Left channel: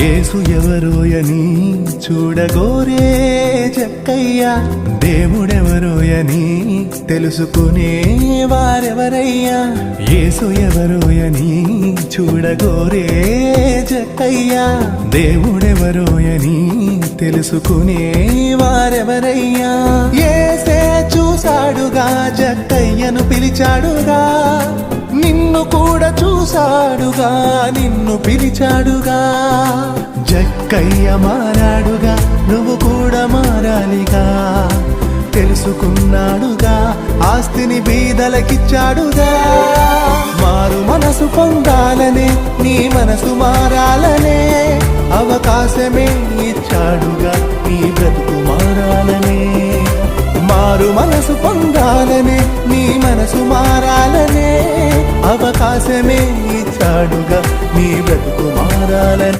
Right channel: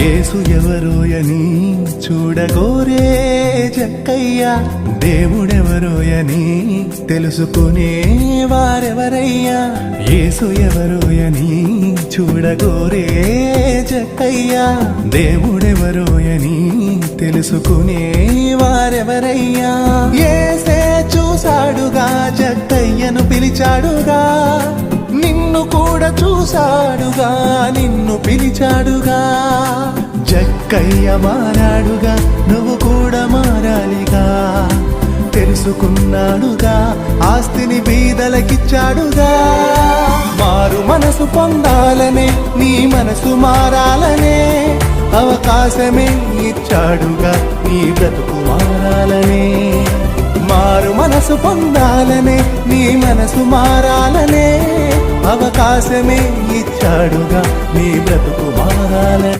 యేసు ఎవరోయని చూడగోరే జక్కయ్య, దేవుడెవరోయని తెలుసుకునే వారెవరయ్యా. యేసు ఎవరోయని చూడగోరే జక్కయ్య, దేవుడెవరోయని తెలుసుకునే వారెవరయ్యా. యేసే చూసాడుగా, జక్కయ్యను పిలిచాడుగా, నిన్ను కూడా చూసాడుగా, నిన్ను పిలిచాడుగా. జక్కయ్య మారాడుగా, నువ్వు కూడా మారాలిగా. తెలుసుకున్నాడుగా, ఆస్తిని బీదలకిచ్చాడుగా. మారు మనసు పొందాలనే, నీ మనసు మారాలనే,